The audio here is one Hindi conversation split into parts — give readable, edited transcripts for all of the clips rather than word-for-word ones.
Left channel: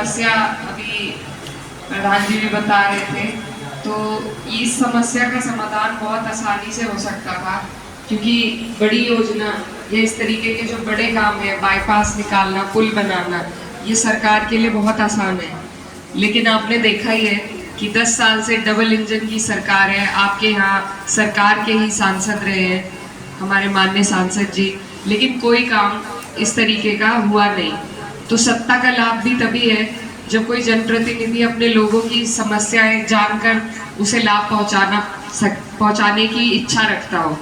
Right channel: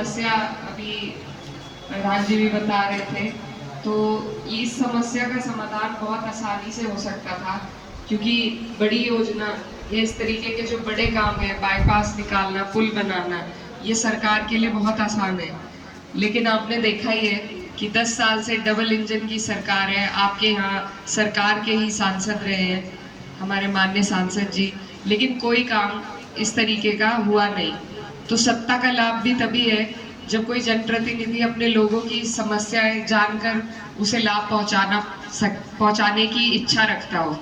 समस्या अभी प्रधान जी भी बता रहे थे, तो इस समस्या का समाधान बहुत आसानी से हो सकता था, क्योंकि बड़ी योजना या इस तरीके के जो बड़े काम है, बाईपास निकालना, पुल बनाना, ये सरकार के लिए बहुत आसान है। लेकिन आपने देखा ही है कि 10 साल से डबल इंजन की सरकार है। आपके यहाँ सरकार के ही सांसद रहे हैं हमारे माननीय सांसद जी, लेकिन कोई काम इस तरीके का हुआ नहीं। तो सत्ता का लाभ भी तभी है जब कोई जनप्रतिनिधि अपने लोगों की समस्याएं जानकर उसे लाभ पहुंचाने की इच्छा रखता हो।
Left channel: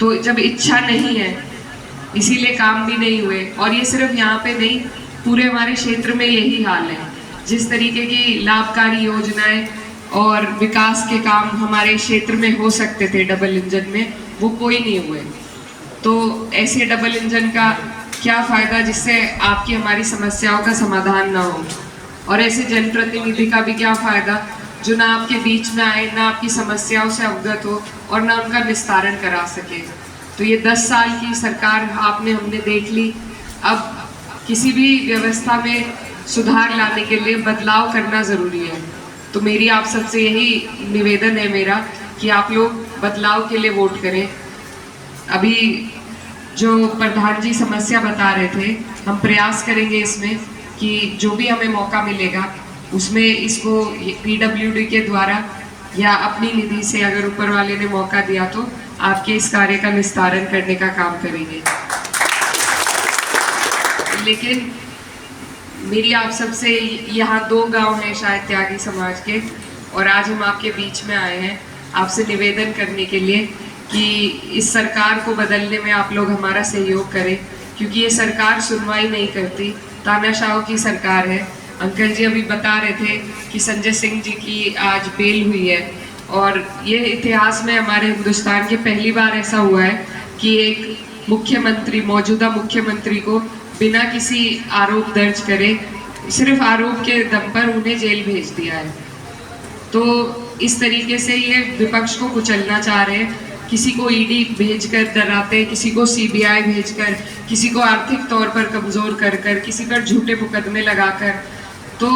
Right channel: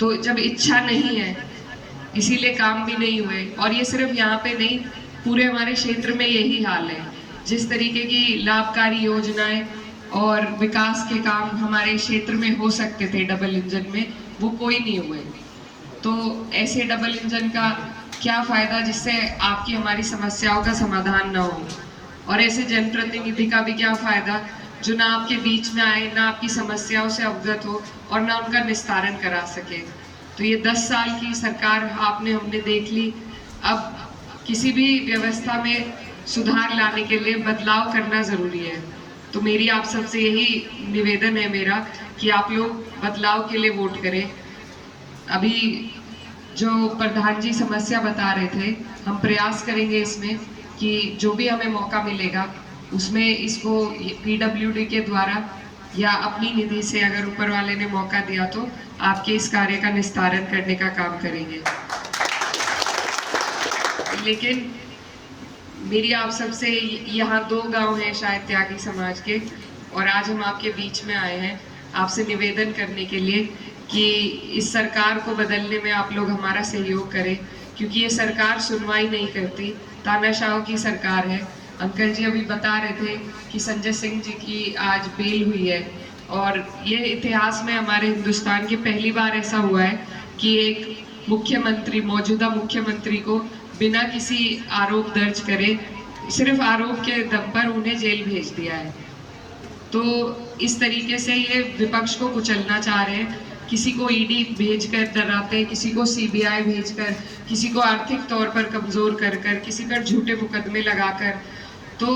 तो जब इच्छा नहीं है, इसीलिए काम भी नहीं हुए। और ये सिर्फ यहाँ पे नहीं, पूरे हमारे क्षेत्र में यही हाल है। जिस तरीके की लाभकारी योजनाएं और विकास के काम हमारे क्षेत्र में हो सकते थे डबल इंजन में, वो कोई नहीं हुए। तो ऐसे डबल इंजन का क्या फायदा जिससे आपकी हमारी समस्याओं का समाधान ना हो, और ऐसे जनप्रतिनिधि का भी क्या फायदा जो ना आपके बीच में आए, ना आपकी समस्याओं से अवगत हो और ना उनका निस्तारण करा सके। तो ये 10 साल की सरकार हमने देख ली। अब किसी भी व्यवस्था में सुधार लाने के लिए बदलाव करना जरूरी है। तो मेरी आप सबसे यही निवेदन है मेरा कि आप लोग बदलाव के लिए वोट करें। अभी जो प्रधान जी समस्या बता रहे थे, हम प्रयास करेंगे इसमें कि जो भी हमें मौका मिलेगा उसमें इसको पीडब्ल्यूडी के द्वारा या अपनी निधि से, अगर ऊपर वाले ने मौका दिया तो आपके इस कार्य का निस्तारण करने का काम करेंगे। लेकिन मेरी आप सबसे, यहाँ 2 गांव हैं शायद त्यागी समाज के, और आज हम आपके बीच में आए हैं आपसे निवेदन करने के लिए कि इस सरकार को बदलने में आप लोग हमारा सहयोग करें, क्योंकि ये सरकार सुनवाई नहीं करती, तानाशाहों की सरकार है। अंकल जी अभी बता रहे थे कि संजय सिंह जी की आज बेल हुई है, और ये इतिहास में हमारे हिंदुस्तान के पहली बार ऐसा हुआ है कि एक मुख्यमंत्री, मौजूदा मुख्यमंत्री को बिना किसी आरोप दर्ज करे, सिर्फ आरोप के दम पर उन्हें जेल भेज दिया है। तो इस तरीके से ये विपक्ष को कुचलना चाह रहे हैं। किसी को ईडी भेजकर डराते, किसी को सीबीआई भेजकर, किसी को आर्थिक तौर पर कमजोर कर कर, किसी पर झूठे मुकदमे लगाकर। तो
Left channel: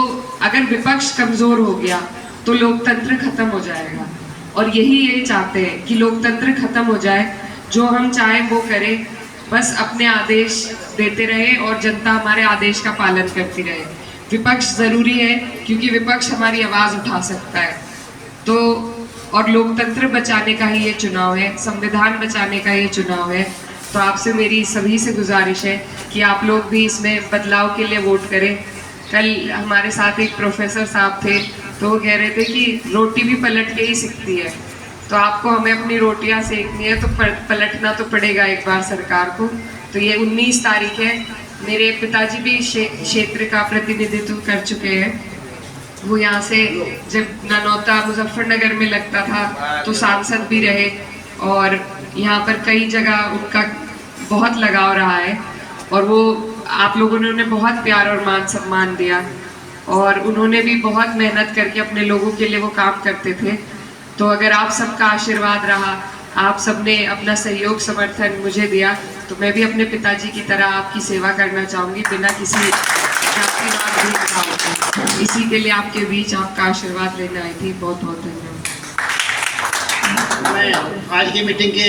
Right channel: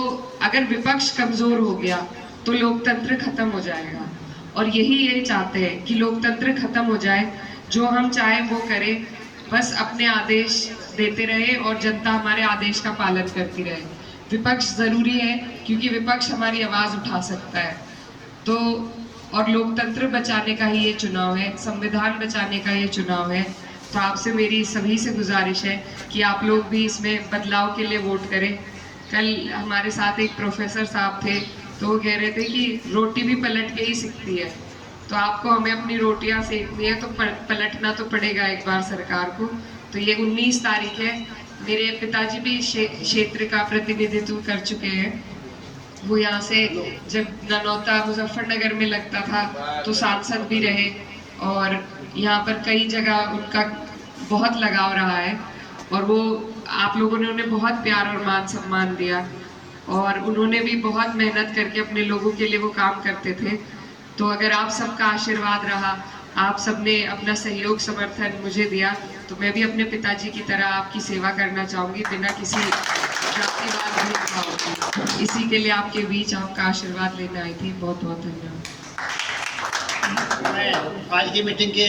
अगर विपक्ष कमजोर हो गया तो लोकतंत्र खत्म हो जाएगा, और यही ये चाहते हैं कि लोकतंत्र खत्म हो जाए। जो हम चाहें वो करें, बस अपने आदेश देते रहे और जनता हमारे आदेश का पालन करती रहे। विपक्ष जरूरी है क्योंकि विपक्ष हमारी आवाज उठा सकता है। तो और लोकतंत्र बचाने का ही ये चुनाव है, संविधान बचाने का ये चुनाव है। तो आपसे मेरी सभी से गुजारिश है कि आप लोग भी इसमें बदलाव के लिए वोट करें। कल हमारे साथ एक प्रोफेसर साहब थे, तो वो कह रहे थे कि रोटी भी पलट के ही सिकती है। तो आपको हमें अपनी रोटियां सेकनी है तो पलटना तो पड़ेगा एक बार सरकार को। तो ये 19 तारीख है। मेरे पिताजी भी क्षेत्र का प्रतिनिधित्व कर चुके हैं। वो यहाँ से जब ननौता मुजफ्फरनगर में लगता था तो सांसद भी रहे, और यहाँ पर कई जगह उनका बहुत लगाव रहा है, और वो आप लोगों ने उन्हें बहुत प्यार और मान सम्मान दिया, और उन्होंने भी बहुत मेहनत करके अपने लोगों के लिए वो काम करते थे। तो अगर आप सबका आशीर्वाद रहा, आप सबने अपना सहयोग समर्थन मुझे दिया, तो मैं भी अपने पिताजी की तरह आपकी सेवा करना चाहूँगी बिना किसी जातिवाद भेदभाव। इसी के लिए आपके बीच आपका आशीर्वाद लेने आई थी। बहुत बहुत धन्यवाद। मैं आज की मीटिंग की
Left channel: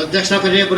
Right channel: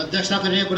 अध्यक्षता कर रही हूँ।